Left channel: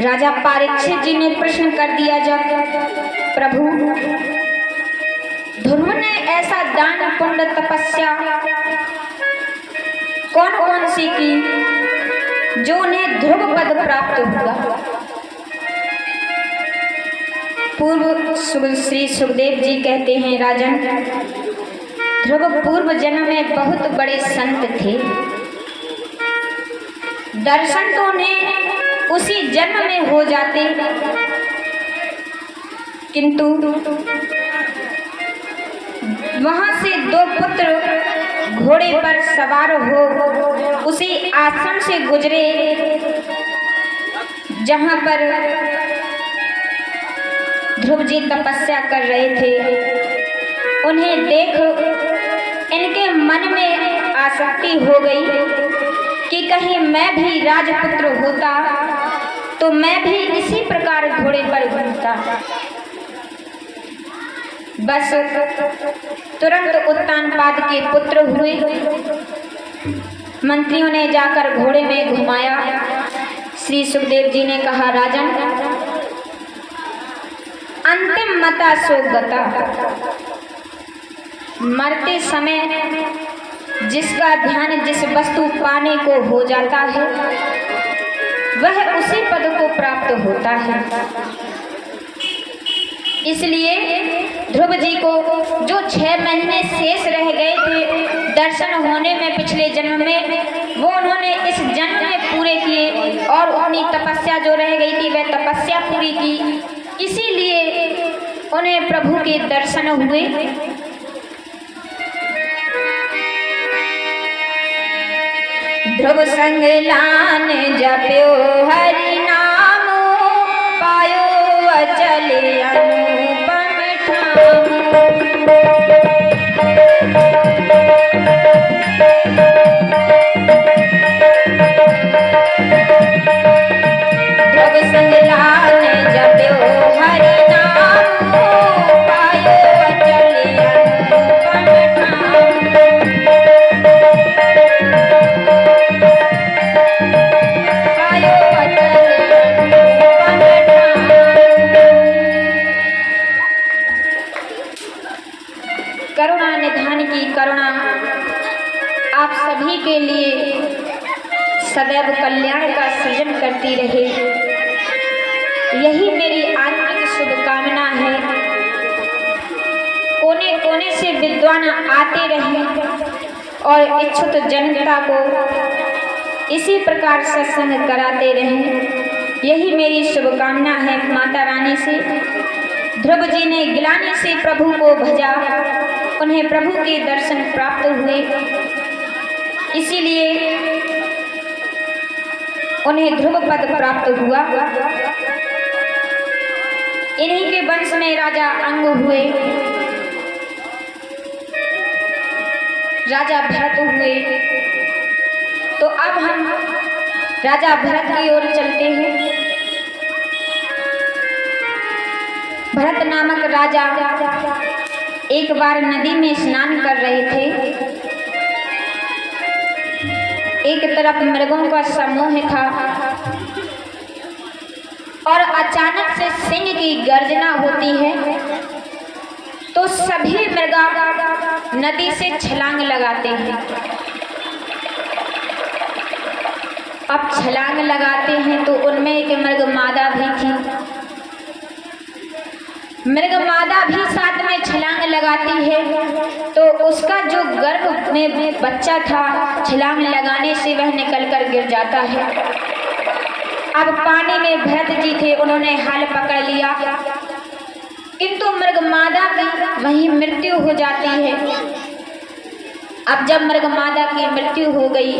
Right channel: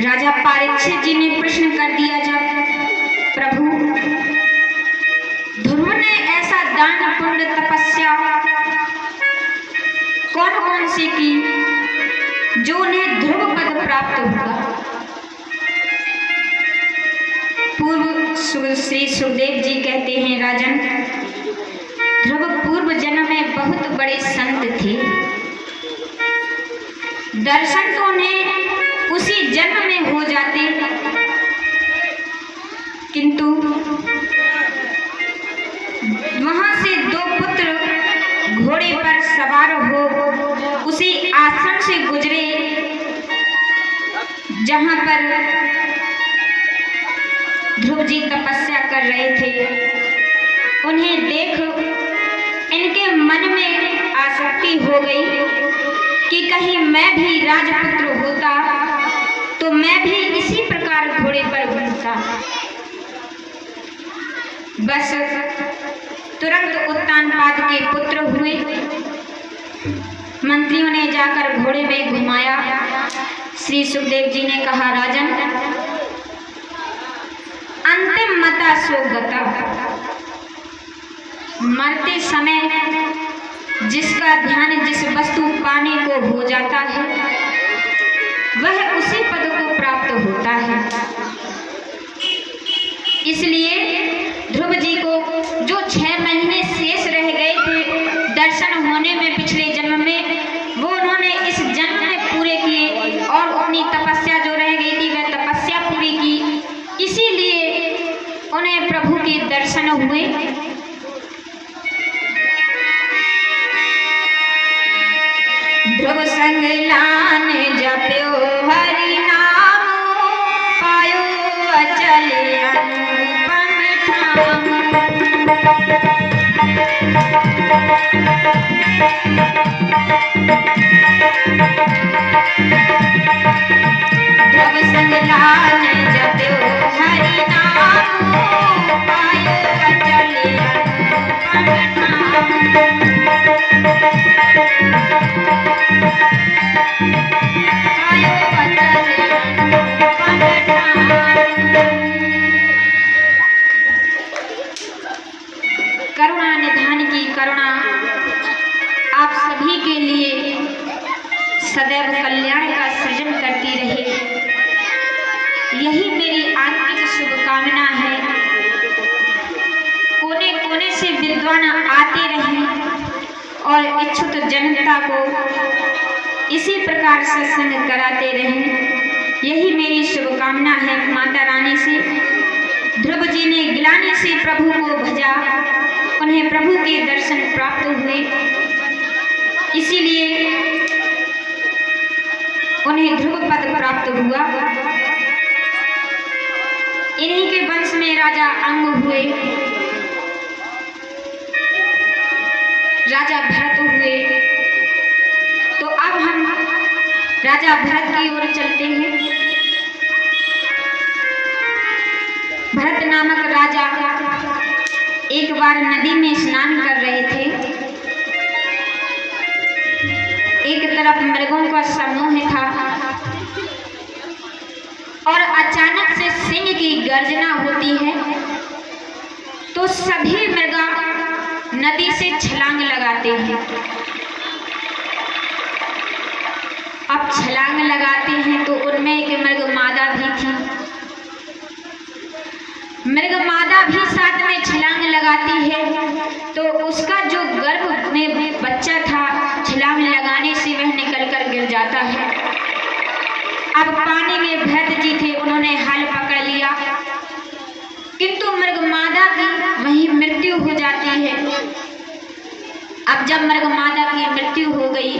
राजा परीक्षित जी ने प्रश्न कर दिया जाता, प्रभु ध्रुव ने ऐसा दान पुण्य तपस्या कौन कौन सी की जो उन्हें ध्रुव पद प्राप्त होगा। पूर्व श्री सुखदेव जी कहते हैं, राजन ध्रुव पूर्व जन्म में बहुत बड़े संत थे, दर्शन तो उन्हें उसी जन्म में हो जाते, किंतु वहां से दो पुत्र घोड़े पर सवार हो उसी आश्रम से गुजरे जहां पर ध्रुव जी तपस्या कर रहे थे। उन्हें देख इनके मन में आसक्ति हो गई कि कहीं मैं भी राजपुत्र होता तो मैं भी इसी प्रकार घोड़े पर घूमता। बस तुरंत उत्तानपाद के पुत्र हुए, मंत्रियों ने जाकर घोड़े में घुमाया। श्री सुखदेव जी ने कहा, राजन अंतिम मता सो गता, मरते समय जिसका ध्यान जिस वस्तु पाने को हो जाता है वह उसी पद को प्राप्त होता है। इसलिए ध्रुव जी को जो 6 महीने शेष रह गए थे दर्शन होने में पिछले जन्म में, वो उन्होंने इस जन्म में पूरे किए और अपनी तपस्या जो रह गई थी वह तपस्या पूरी की। इसीलिए उन्हें प्रभु के दर्शन हुए। ध्रुव संग लान जप्यो हरि नामो, पायो अचल अनुपम ठाम। ध्रुव संग लान जप्यो हरि नामो, पायो अचल अनुपम ठाम। करुणा निधान की करुणा आप सभी के लिए सदैव कल्याण का सृजन करती रहे, यही मेरी आंतरिक शुभकामना है। कोने कोने से विद्वान आते रहे और इच्छुक जनता को इसी प्रकार सत्संग कराते रहें, यही मेरी शुभकामना है माता रानी से। ध्रुव जी ने गिलानी से प्रभु को भजा, उन्हें प्रभु के दर्शन प्राप्त हुए, इसीलिए उन्हें ध्रुव पद प्राप्त हुआ। इन्हीं के वंश में राजा अंग हुए। राजा भरत हुए। तो अब हम राजा भरत की ओर चलते हैं। भरत नामक राजा एक बार नदी में स्नान कर रहे थे। एक तरफ मृगों का समूह था और अचानक से सिंह की गर्जना होती है, तो सभी मृगा नदी से छलांग लगाते हैं। अब छलांग लगाते हैं तो उनमें एक मृग मादा भी थी। मृग मादा भी साथ में छलांग लगाती है, तो उसका जो गर्भ में बच्चा था, छलांग लगाने से वह निकलकर गिर जाता है। अब पानी में भरत जी थे, उन्होंने हल पकड़ लिया, किंतु मृग मादा की वहीं मृत्यु हो जाती है। अब जब मृग मादा की मृत्यु हो गई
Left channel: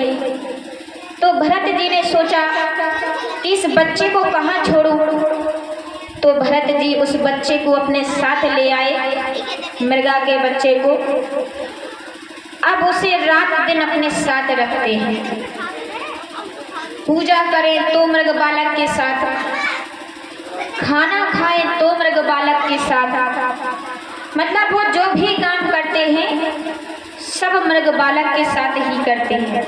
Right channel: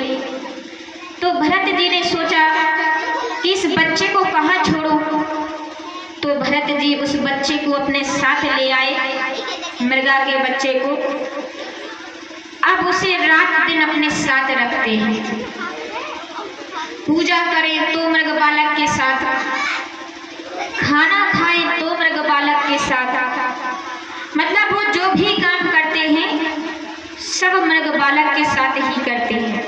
तो भरत जी ने सोचा कि इस बच्चे को कहाँ छोड़ूं। तो भरत जी उस बच्चे को अपने साथ ले आए, मृगा के बच्चे को। अब उसे रात दिन अपने साथ रखते हैं। पूजा करें तो मृग बालक के साथ, खाना खाएं तो मृग बालक के साथ, मतलब वो जो भी काम करते हैं सब मृग बालक के साथ ही करते हैं।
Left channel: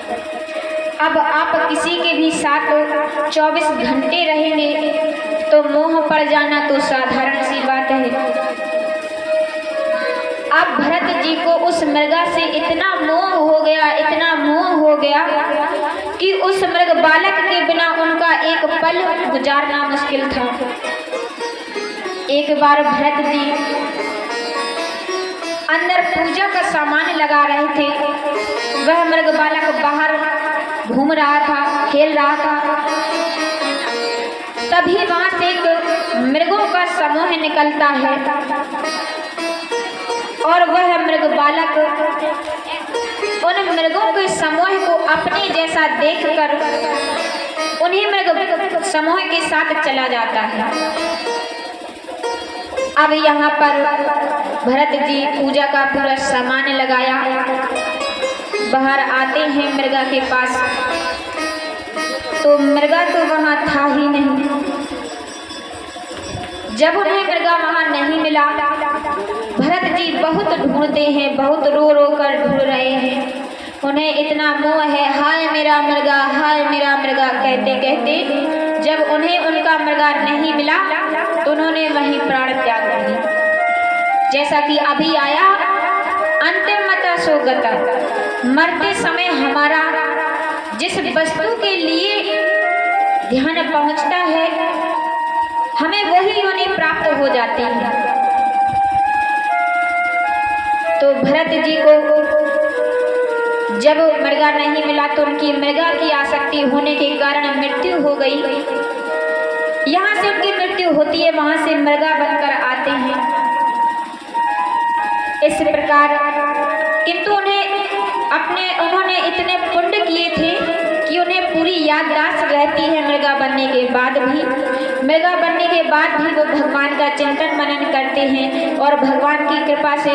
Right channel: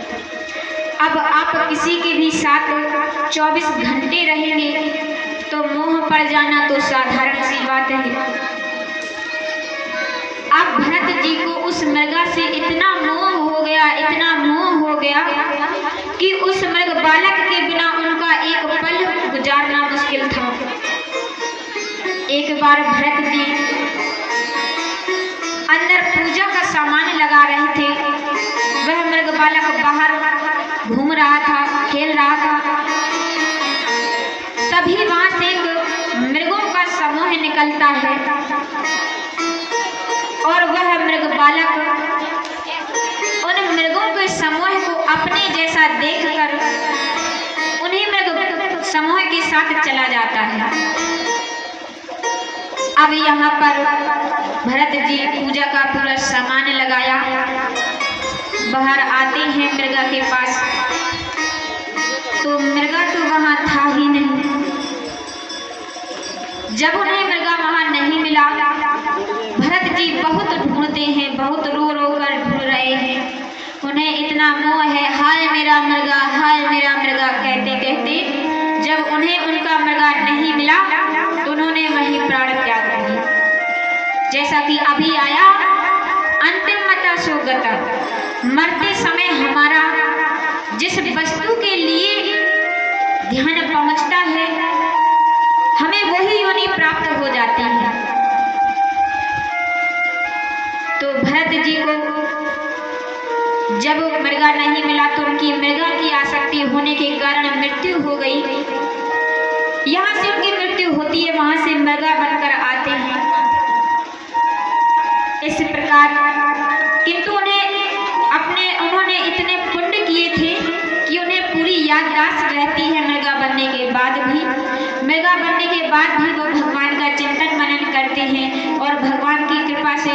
अब आप किसी के भी साथ 24 घंटे रहेंगे तो मोह पड़ जाना तो साधारण सी बात है। अब भरत जी को उस मृगा से इतना मोह हो गया, इतना मोह हो गया कि उस मृग बालक के बिना उनका एक पल गुजारना मुश्किल था। एक बार भरत जी अंदर पूजा का सामान लगा रहे थे, वह मृग बालक बाहर घूम रहा था, खेल रहा था। तभी वहां से एक मृगों का समूह निकलता है और वह मृग बालक उन मृगों के समूह को अपने जैसा देखकर उन्हीं मृग समूह के साथ चला जाता है। अब यहाँ पर भरत जी पूजा का पूरा सामान लगाया, बाहर आते हैं मृगा के पास, तो मृगा तो वहाँ था ही नहीं। जब उन्हें मृगा वहाँ नहीं मिला, भरत जी बहुत ढूंढते हैं, बहुत रो रो कर ढूंढ रहे हैं। उन्हें इतना मोह है, हाय मेरा मृगा, हाय मेरा मृगा कहते कहते जब उन्हें उनका मृगा नहीं मिला तो उन्होंने वहीं प्राण त्याग दिए। जैसा कि अभी आया, अंतिम मता सो गता, मरते समय हमारा जिस वस्तु के लिए ध्यान पहुंचता है हमें वही योनि प्राप्त हो जाती है। तो भरत जी को जब मृगा नहीं मिला तो उनकी मृगा की आसक्ति होने के कारण मृत्यु हो गई। यहाँ से उनकी मृत्यु होती है, वहां से मृगा बनकर आते हैं। इस प्रकार किंतु उन्होंने इतने पुण्य किए थे कि उन्हें पूरी याददाश्त रहती है मृगा बनने के बाद भी। मृगा बनने के बाद भी वो भगवान का चिंतन मनन करते हैं और भगवान की कृपा से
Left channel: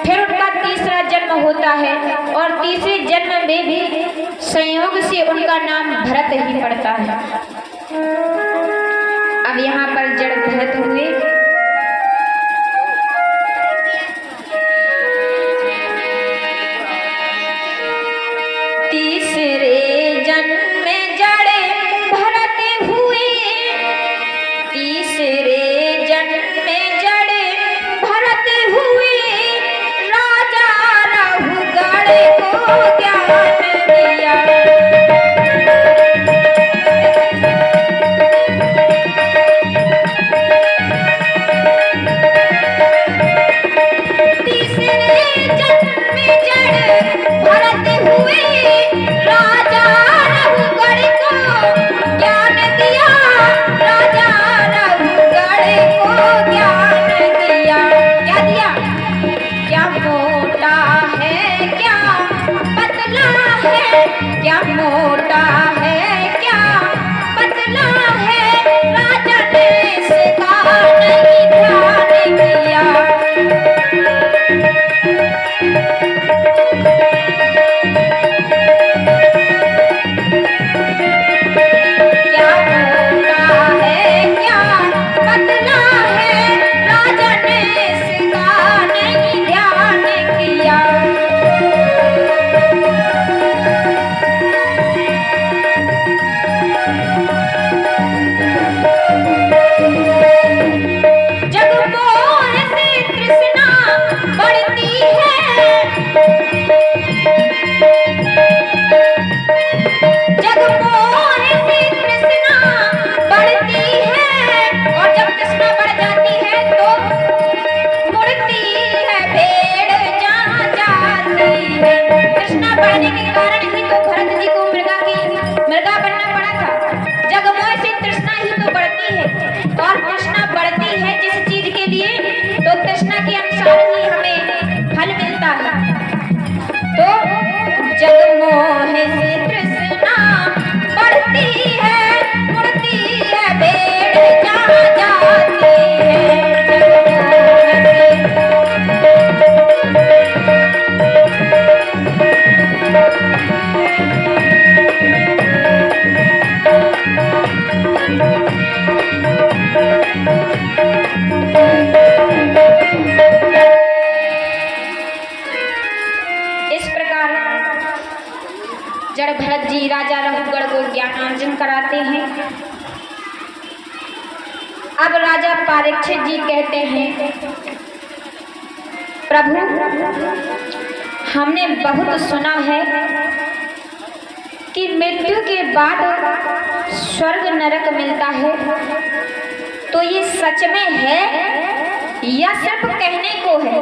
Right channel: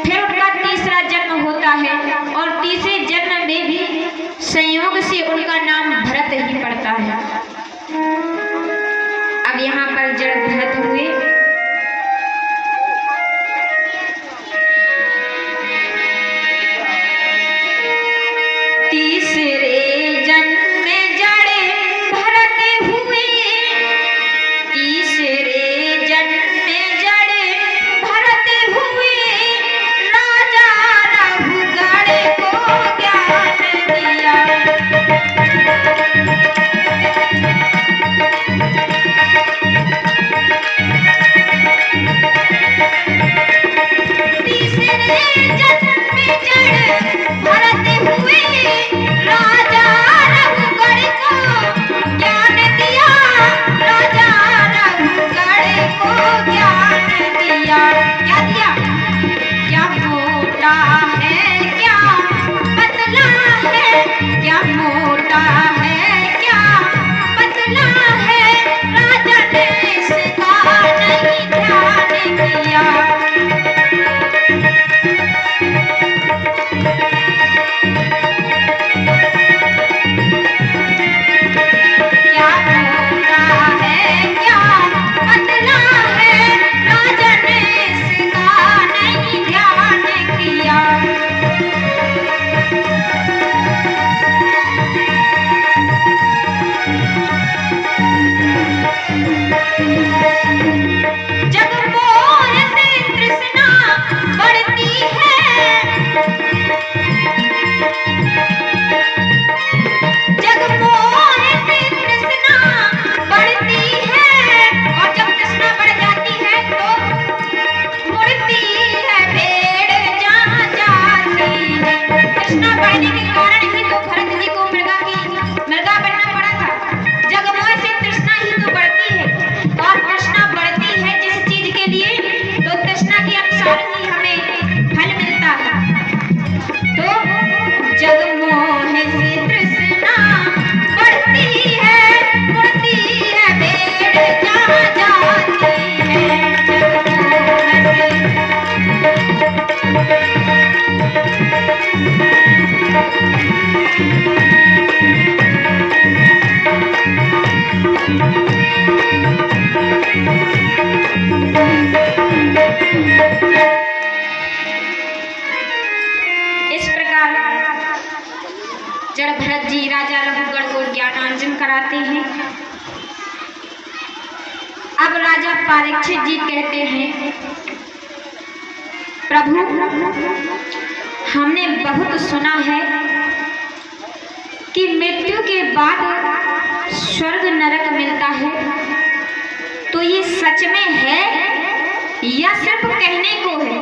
फिर उनका तीसरा जन्म होता है और तीसरे जन्म में भी संयोग से उनका नाम भरत ही पड़ता है। अब यहाँ पर जड़ भरत हुए, तीसरे जन्म में जड़े भरत हुए, तीसरे जन्म में जड़े भरत हुए, राजा रघुगण को ज्ञान दिया। जड़ भरत जी राजा रघुगढ़ को ज्ञानार्जन कराते हैं। अब राजा परीक्षित जी कहते हैं, प्रभु हमने बहुत सुना है कि मृत्यु के बाद स्वर्ग नरक मिलता है, तो ये सच में है या सिर्फ कहने को है?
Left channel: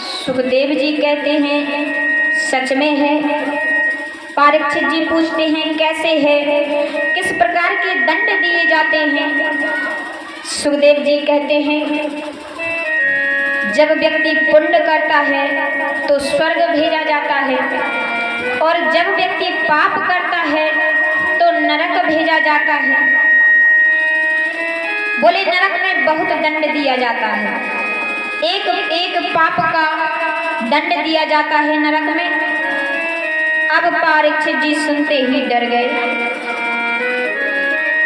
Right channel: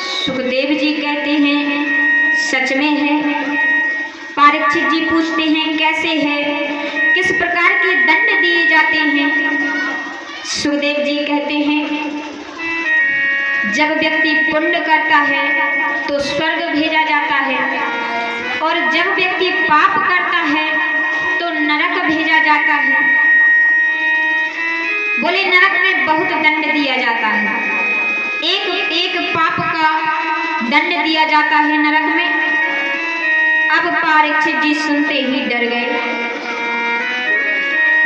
सुखदेव जी कहते हैं सच में है। परीक्षित जी पूछते हैं कैसे है, किस प्रकार के दंड दिए जाते हैं? सुखदेव जी कहते हैं जब व्यक्ति पुण्य करता है तो स्वर्ग भेजा जाता है, और जब व्यक्ति पाप करता है तो नरक भेजा जाता है। बोले नरक में बहुत दंड दिया जाता है, एक एक पाप का दंड दिया जाता है नरक में। अब परीक्षित जी सुनते ही डर गए।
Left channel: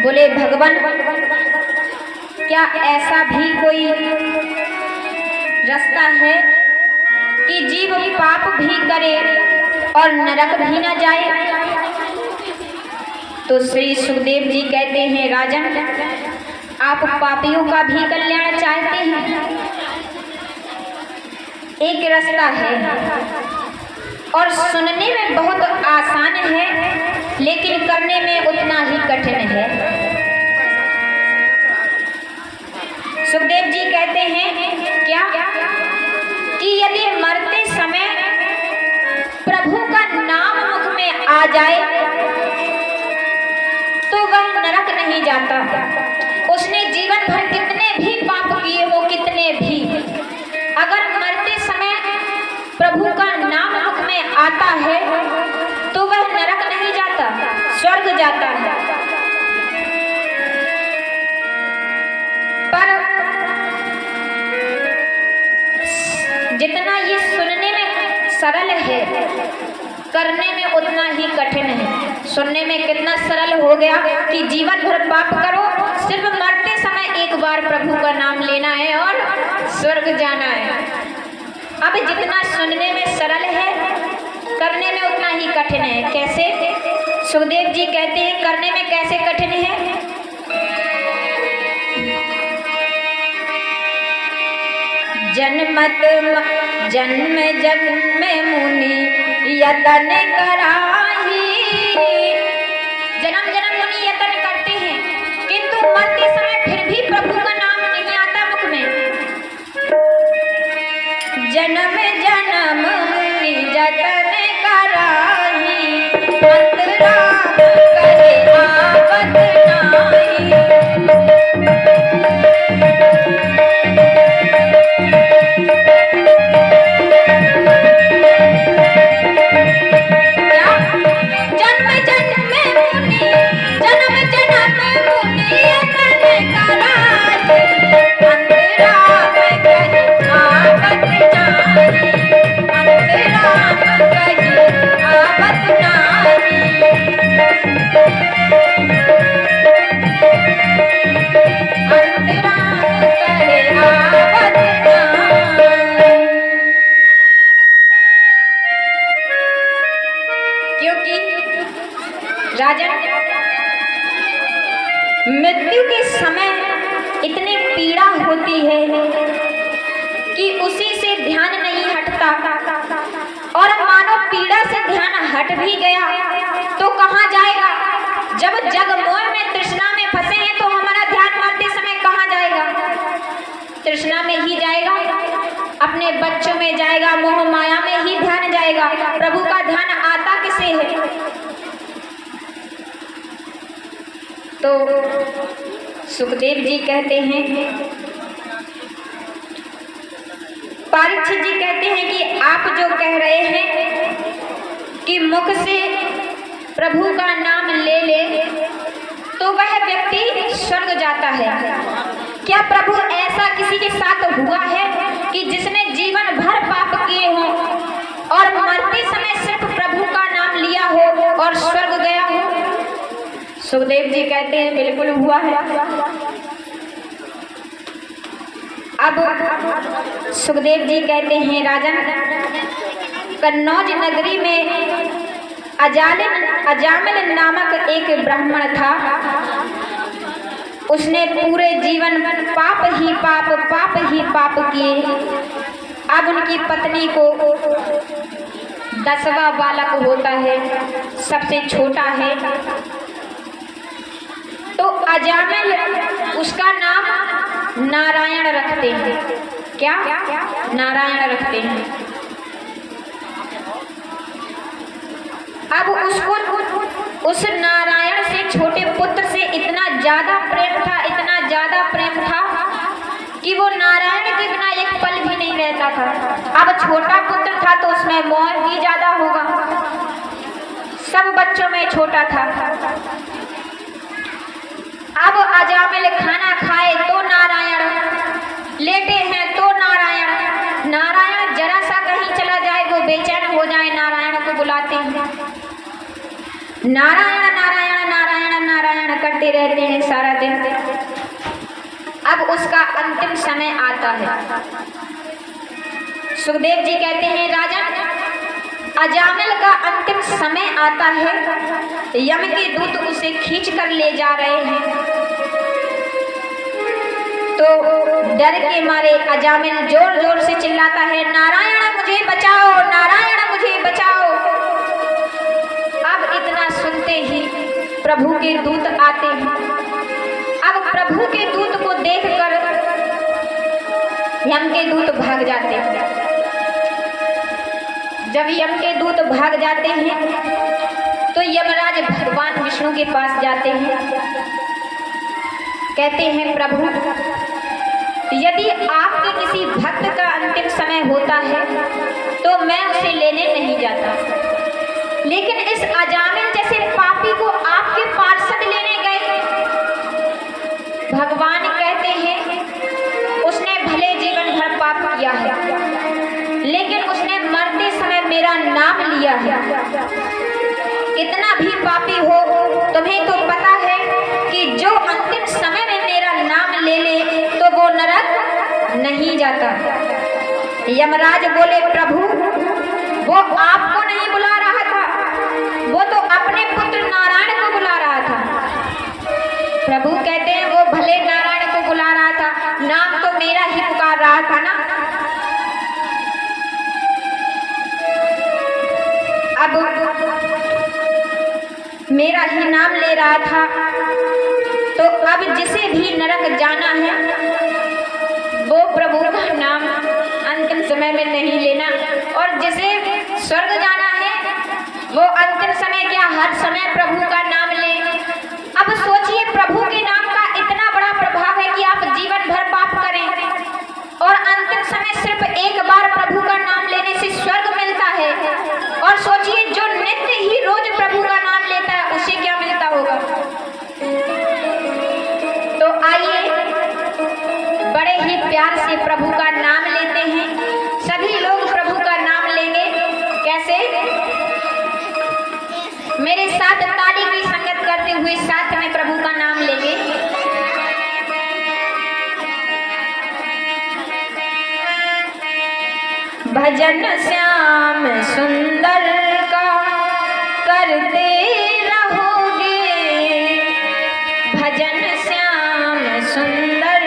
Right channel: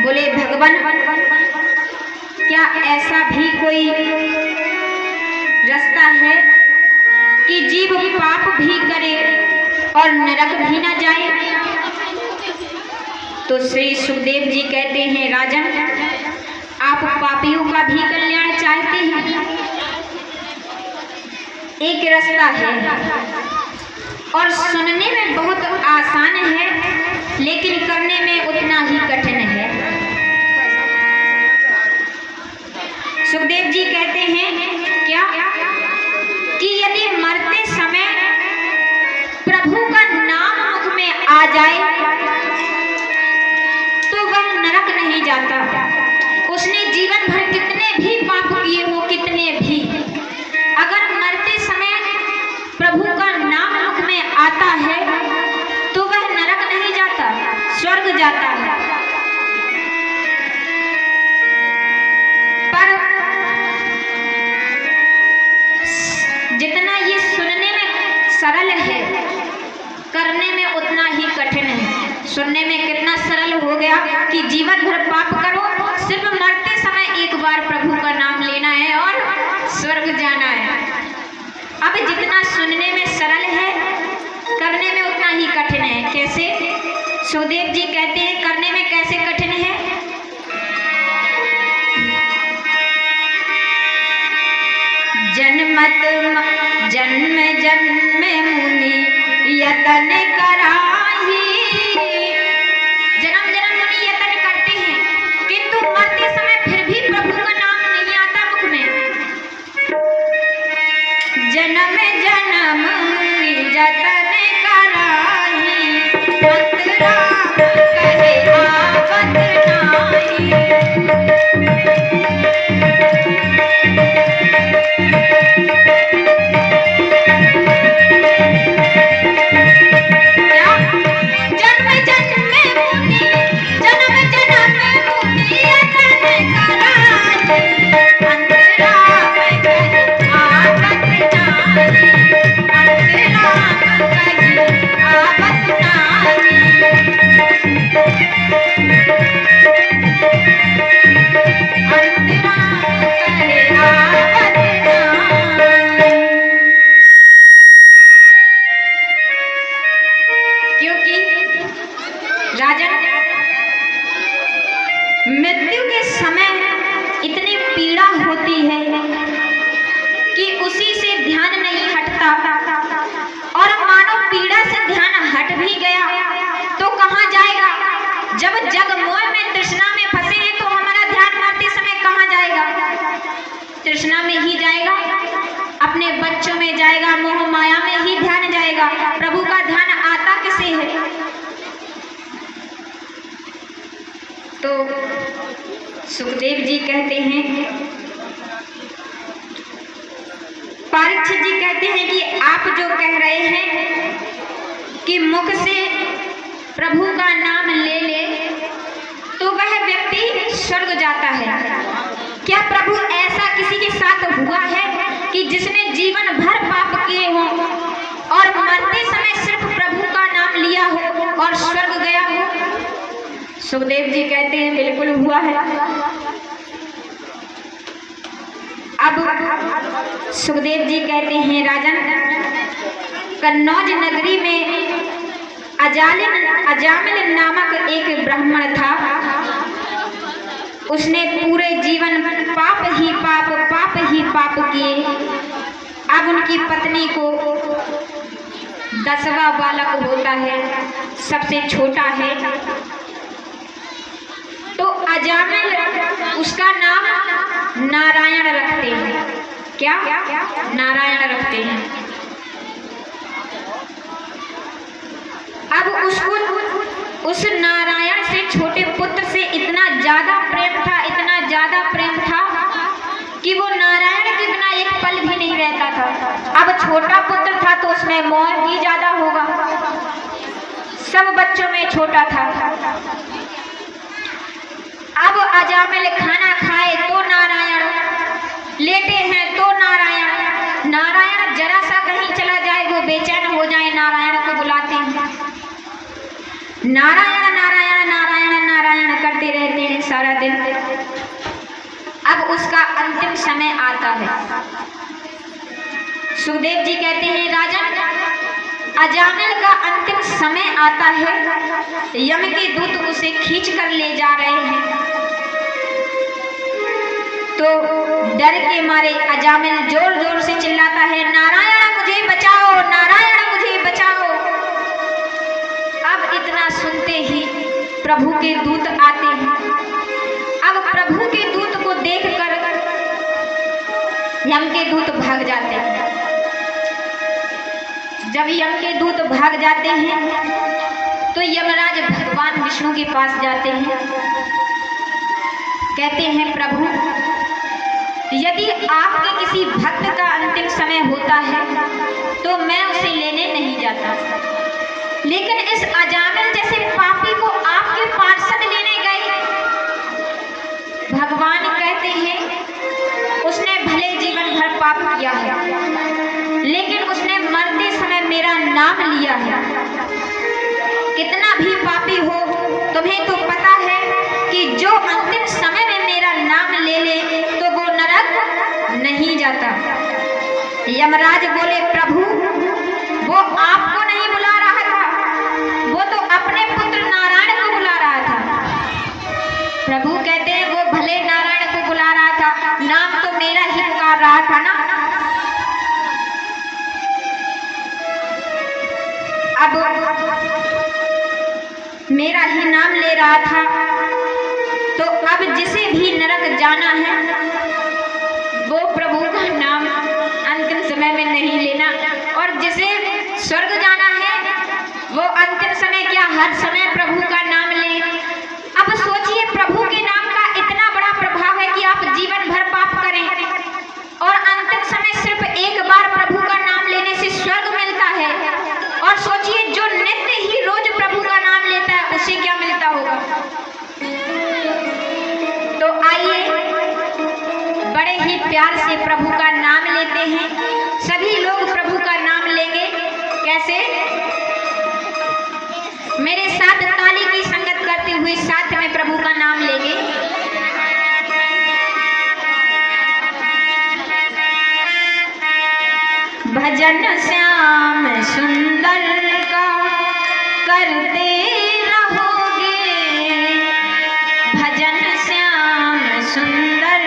बोले भगवान क्या ऐसा भी कोई रास्ता है कि जीव पाप भी करे और नरक भी न जाए? तो श्री सुखदेव जी कहते हैं राजन, आप पापियों का भी कल्याण चाहते हैं? एक रास्ता है और सुनने में बहुत आसान है, लेकिन करने में उतना ही कठिन है। सुखदेव जी कहते हैं क्या कि यदि मरते समय प्रभु का नाम मुख में आ जाए तो वह नरक नहीं जाता। उसने जीवन भर कितने भी पाप किए हो, कितने भी, अगर मरते समय प्रभु का नाम मुख में आता है तो वह नरक नहीं जाता, स्वर्ग जाता है। पर जितना ये सुनने में सरल है, करने में उतना ही कठिन है। सुनने में कितना सरल हो गया कि जीवन भर पाप करो, सिर्फ मरते समय एक बार प्रभु का नाम लेना है और स्वर्ग जाना है। अब जितना सुनने में सरल है, करने में उतना ही कठिन है। कैसे? सुखदेव जी कहते हैं करने में कैसे कठिन है? जन्म जन्म मुनि यतन कराही, जन्म जन्म मुनि यतन करते हैं, किंतु मरते समय फिर भी प्रभु का नाम नहीं आता मुख में। जन्म जन्म मुनि यतन कराही, अंतरा कहे आवत नाही। मृत्यु के समय इतनी पीड़ा होती है कि उसी से ध्यान नहीं हटता, और मानो पीड़ा से ध्यान हट भी गया तो कहाँ जाएगा? जब जग मोह में तृष्णा में फंसे हैं तो हमारा ध्यान मरते समय कहाँ जाएगा? तृष्णा में ही जाएगा, अपने बच्चों में जाएगा, मोह माया में ही ध्यान जाएगा। प्रभु का ध्यान आता किसे है? तो सुखदेव जी कहते हैं, परीक्षित जी कहते हैं कि आप जो कह रहे हैं कि मुख से प्रभु का नाम ले ले तो वह व्यक्ति स्वर्ग जाता है, क्या प्रभु ऐसा किसी के साथ हुआ है कि जिसने जीवन भर पाप किए हों और मरते समय सिर्फ प्रभु का नाम लिया हो और स्वर्ग गया हो? सुखदेव जी कहते हैं बिल्कुल हुआ है। अब सुखदेव जी कहते हैं राजन, कन्नौज नगरी में अजामिल नामक एक ब्राह्मण था। उसने पूरे जीवन पाप ही पाप किए। अब उनकी पत्नी को 10वां बालक होता है, सबसे छोटा है। तो अजामिल उसका नाम नारायण रखते हैं। क्या? नारायण रखते हैं। अब उसको उस नारायण से छोटे पुत्र से इतना ज्यादा प्रेम था कि वो नारायण के बिना एक पल भी नहीं रहता था। अब छोटा पुत्र था तो उसमें मोह भी ज्यादा होगा, सब बच्चों में छोटा था। अब अजामिल खाना खाए तो नारायण, लेटे हैं तो नारायण जरा सा कहीं चला जाए वो बेचैन हो जाए, नारायण को बुलाते हैं। नारायण करते रहते हैं सारा दिन। अब उसका अंतिम समय आता है। सुखदेव जी कहते हैं, राजन, अजामिल का अंतिम समय आता है। यम के दूत उसे खींच कर ले जा रहे हैं। तो डर के मारे अजामिल जोर जोर से चिल्लाता है, नारायण मुझे बचाओ, नारायण मुझे बचाओ। अब इतना सुनते ही प्रभु के दूत आते हैं। अब प्रभु के दूत को देखकर यम के दूत भाग जाते हैं। जब यम के दूत भाग जाते हैं तो यमराज भगवान विष्णु के पास जाते हैं। कहते हैं, प्रभु, यदि आपके किसी भक्त का अंतिम समय होता है तो मैं उसे लेने नहीं जाता, लेकिन इस अजामिल जैसे पापी को आपके पार्षद लेने गए। भगवान कहते हैं, उसने भले जीवन भर पाप किया है, लेकिन उसने मरते समय मेरा नाम लिया है। कितना भी पापी हो, तुम्हें तो पता है कि जो अंतिम समय में मेरा नाम ले ले तो वो नरक नहीं जाता। यमराज बोले, प्रभु, वो आपको नहीं बुला रहा था, वो तो अपने पुत्र नारायण को बुला रहा था। प्रभु कहते हैं, वो भले नारायण को बुला रहा था, नाम तो मेरा ही पुकार रहा था ना। अब मेरा ही नाम ले रहा था, तो अब जिसे भी नरक जाना है वो प्रभु का नाम अंतिम समय में नहीं लेना, और जिसे स्वर्ग जाना है वो अंतिम समय क्या हर समय प्रभु का नाम ले। अब सोचिए, प्रभु के नाम का इतना बड़ा प्रभाव है कि आप जीवन भर पाप करें और अंतिम समय सिर्फ एक बार प्रभु का नाम लेने से स्वर्ग मिलता है। और सोचिए, जो नित्य ही रोज प्रभु का नाम लेता है उसे क्या मिलता होगा। तो आइए बड़े ही प्यार से प्रभु का नाम लेते हैं। सभी लोग प्रभु का नाम लेंगे। कैसे? मेरे साथ ताली की संगत करते हुए साथ में प्रभु का नाम लेंगे। भजन श्याम सुंदर का करते रहोगे, भजन श्याम सुंदर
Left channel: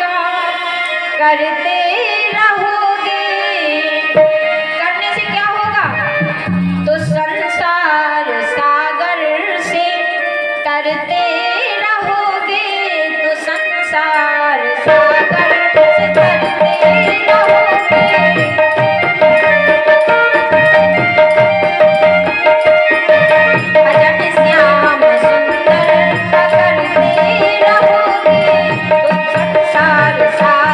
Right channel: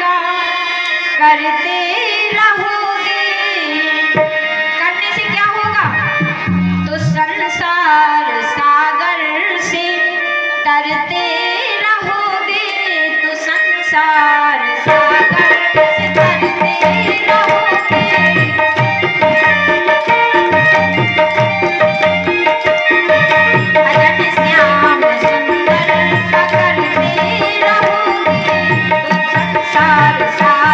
का करते रहोगे। करने से क्या होगा? तो संसार सागर से तरते रहोगे, तो संसार सागर से तरते रहोगे। सागर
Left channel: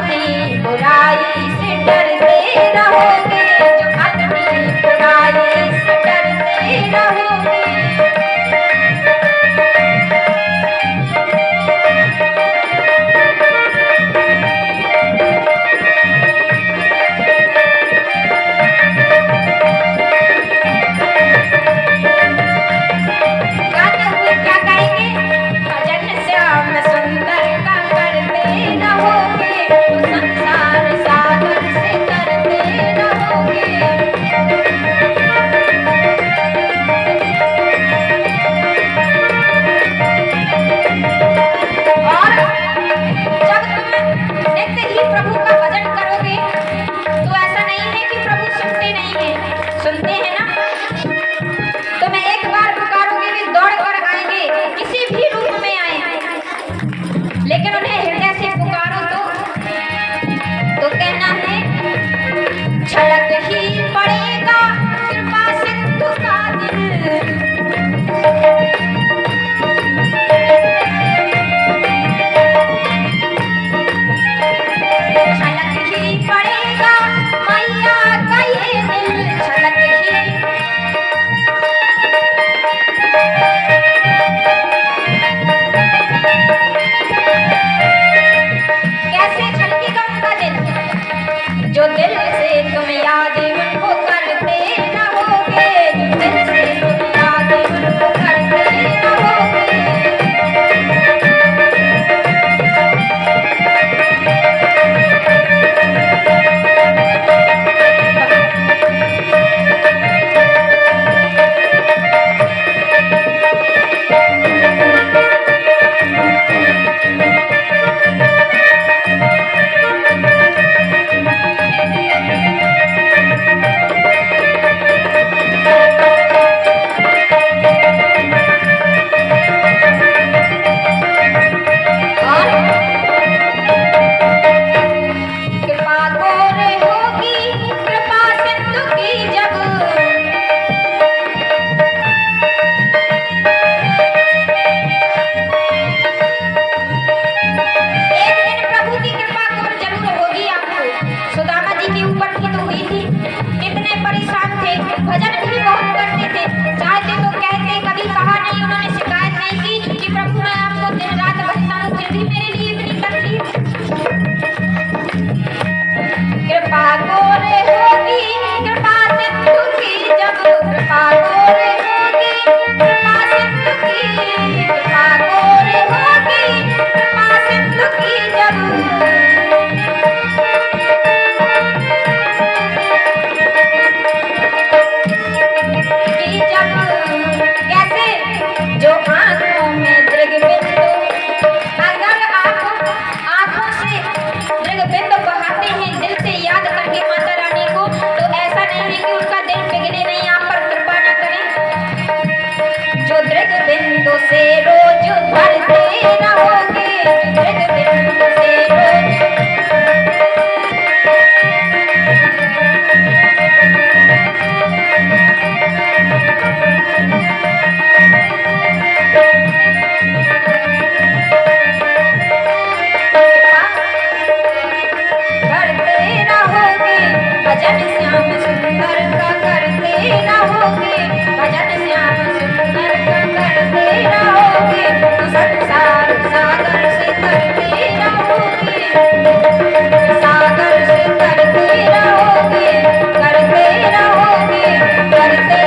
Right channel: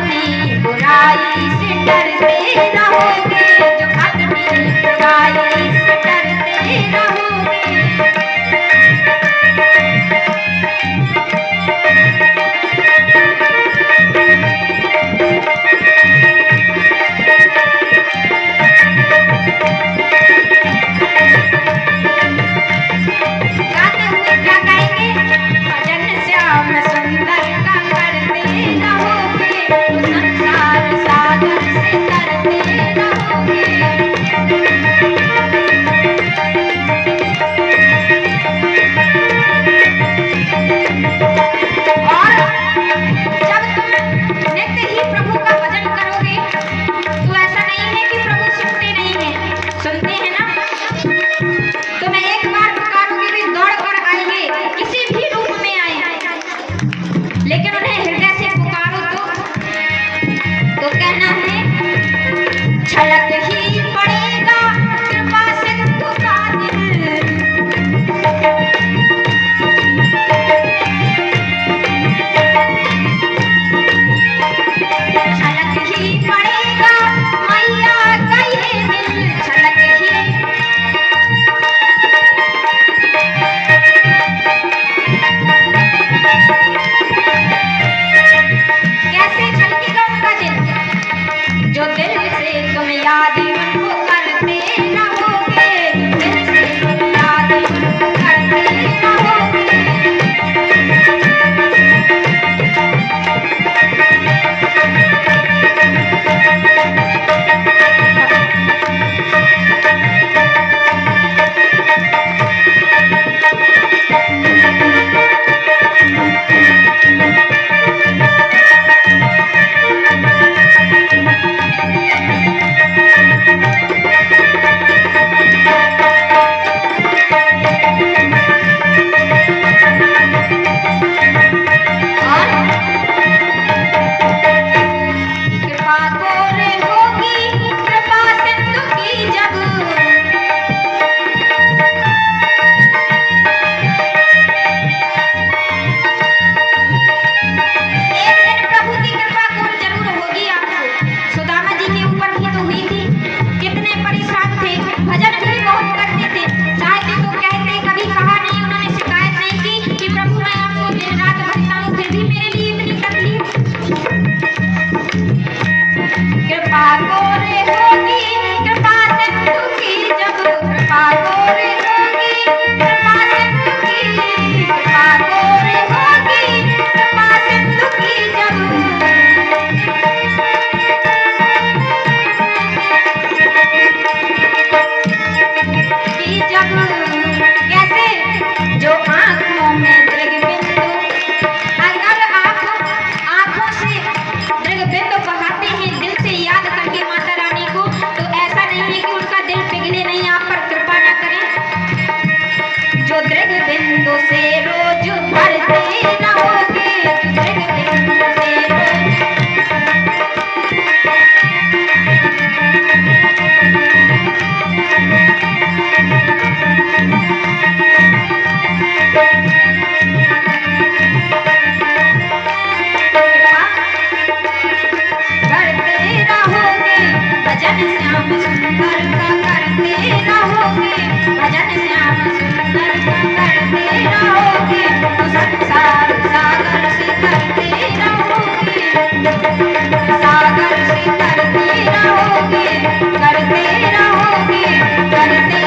अपनी बुराई से डरते रहोगे, जो अपनी बुराई से डरते रहोगे। गाते हुए क्या गाएंगे? भजन श्याम सुंदर का करते रहोगे, तो संसार सागर से तरते रहोगे। और जब तुम नित्य ही प्रभु का भजन करोगे तो ऐसा नहीं है कि प्रभु सुनते नहीं हैं, सुनते हैं ना। तुम्हें एक बार पुकारोगे भी दौड़ कर आएंगे, किसी भी रूप में आए, लेकिन उन्हें हृदय से पुकारो तो कहना है झलक ही पड़ेगा कृपा सिंधु का दिल। झलक ही पड़ेगा मैया का ये दिल, झलक ही। कैसे झलकेगा उनका दिल? जो दिल से तुम याद उनको करते रहोगे, जो दिल से तुम याद उनको करते रहोगे। कृपा गोरे होगी कृपा सिंधु की जब, एक दिन प्रभु की कृपा गोर जरूर होगी आपको। सुदामा जी के ऊपर भी तो हुई थी, कितने परेशान थे, भजन भी बहुत करते थे, चाहते तो कहते, कभी कहा नहीं, उन्होंने शिकायत नहीं की कि प्रभु मैं आपको दिन रात भजता हूँ फिर भी मेरे लिए इतनी तकलीफ। कृपा गोरे होगी कृपा सिंधु की जब, कृपा गोरे होगी कृपा सिंधु की, कृपा गोरे होगी कृपा सिंधु की जब। की जब कैसे? जो आंखों में दृगबिंदु, अगर आप आंखों से दृगबिंदु बहाते हैं दिल से याद करके माता रानी को, तो ऐसा नहीं है कि उनका दिल पिघले नहीं, आप पर कृपा न करें। जो दृगबिंदु से रोज भरते रहोगे, जो दृगबिंदु से रोज। करते रहोगे भजन श्याम सुंदर का करते रहोगे, भजन श्याम सुंदर का करते रहोगे, तो संसार सागर से तरते रहोगे, सागर से तरते रहोगे, करते रहोगे, करते।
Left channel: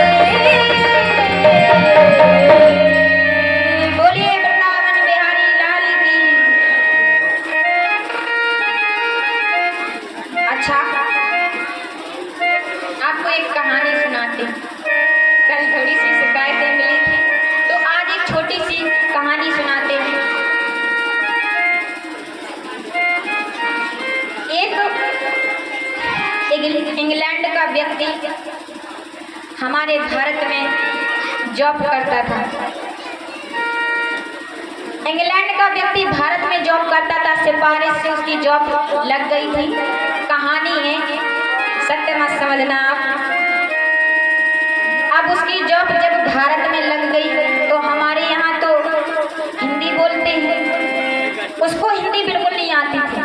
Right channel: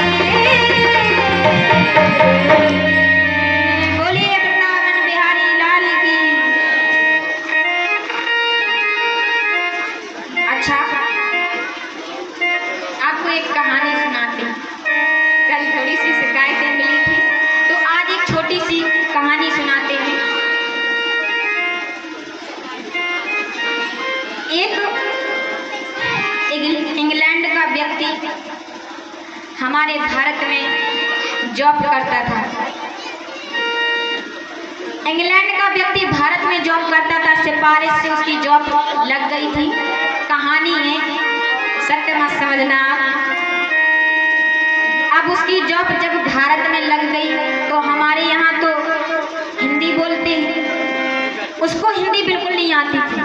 बोलिए वृंदावन बिहारी लाल की। अच्छा, आपको एक कहानी सुनाती हूँ। कल थोड़ी सी शिकायतें मिली थी, तो आज एक छोटी सी कहानी सुनाते हैं। एक इंग्लैंड का व्यक्ति हमारे भारत में जॉब करता था। इंग्लैंड का व्यक्ति भारत में जॉब करता था, सिफारिश से उसकी जॉब लग गई थी। कहानी है, सत्य मत समझना आप। अब उसकी जॉब जब भारत में लग गई तो हमारे यहाँ तो हिंदी बोलते हैं, उसको हिंदी बिल्कुल नहीं आती थी।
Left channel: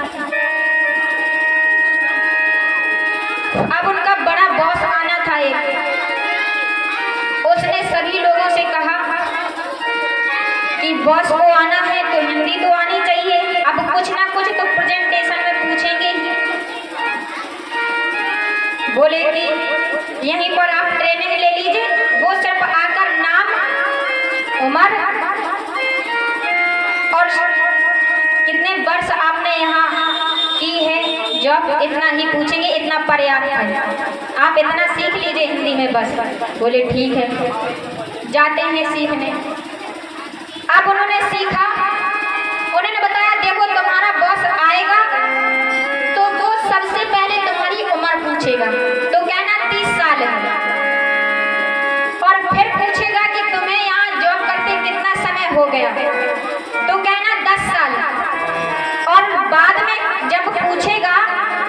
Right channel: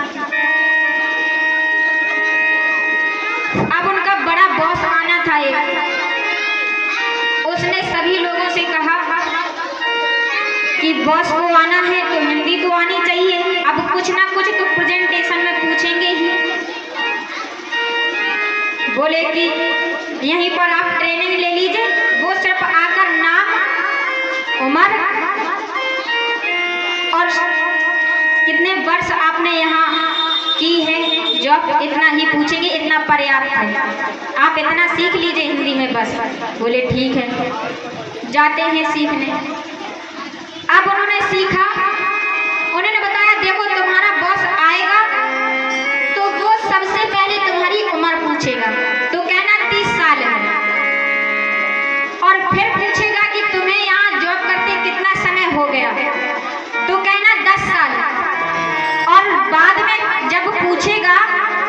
बॉस को आना है तो हिंदी तो आनी चाहिए। अब कुछ ना कुछ तो प्रेजेंटेशन में पूछेंगे ही। बोले कि यहीं पर आप ट्रेनिंग ले लीजिए। वो सिर्फ आकर नाम, उम्र और कितने वर्ष आपने यहाँ की है जॉब, इतना ही पूछेंगे, इतना पर्याप्त है। आप इतना सीख लीजिए हिंदी में बस। बोले ठीक है। जाते हैं सीखने। अब उन्होंने सीखा। उन्होंने बताया देखो तुम्हारा बॉस आएगा तो वो सबसे पहले तुम्हारी उम्र पूछेगा, तो कहना 30 साल है। और फिर पूछेगा कि तुम्हें यहाँ जॉब करते कितना समय हो गया, तो कहना 10 साल। और बाद में जब पूछेगा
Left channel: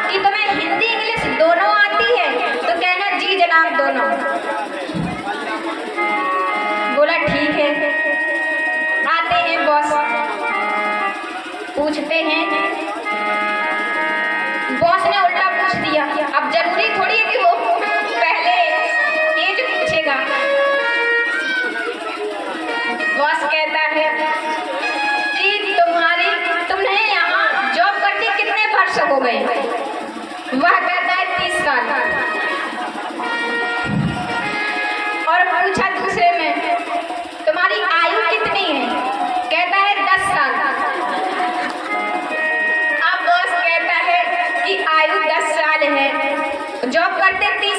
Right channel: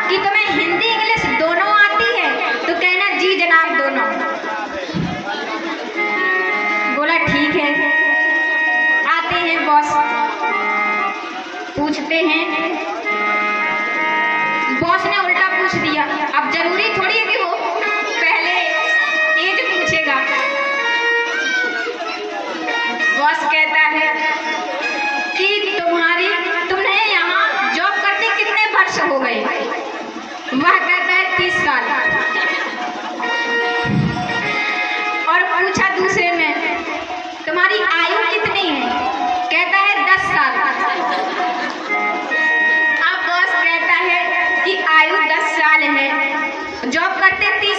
कि तुम्हें हिंदी इंग्लिश दोनों आती है, तो कहना जी जनाब दोनों। बोला ठीक है। आते हैं बॉस, पूछते हैं। बॉस ने उल्टा पूछ दिया। अब जरूरी थोड़ी है कि वो पहले एज पूछेगा। बॉस कहता है कि तुमने यहाँ जॉब करते कितने वर्ष हो गए। वह कहता है 30 साल। और पूछा दूसरे में तुम्हारी आयु कितनी है, कहता है 10 साल। अब बॉस कहता है कि आयु 10 साल है, जॉब करते 30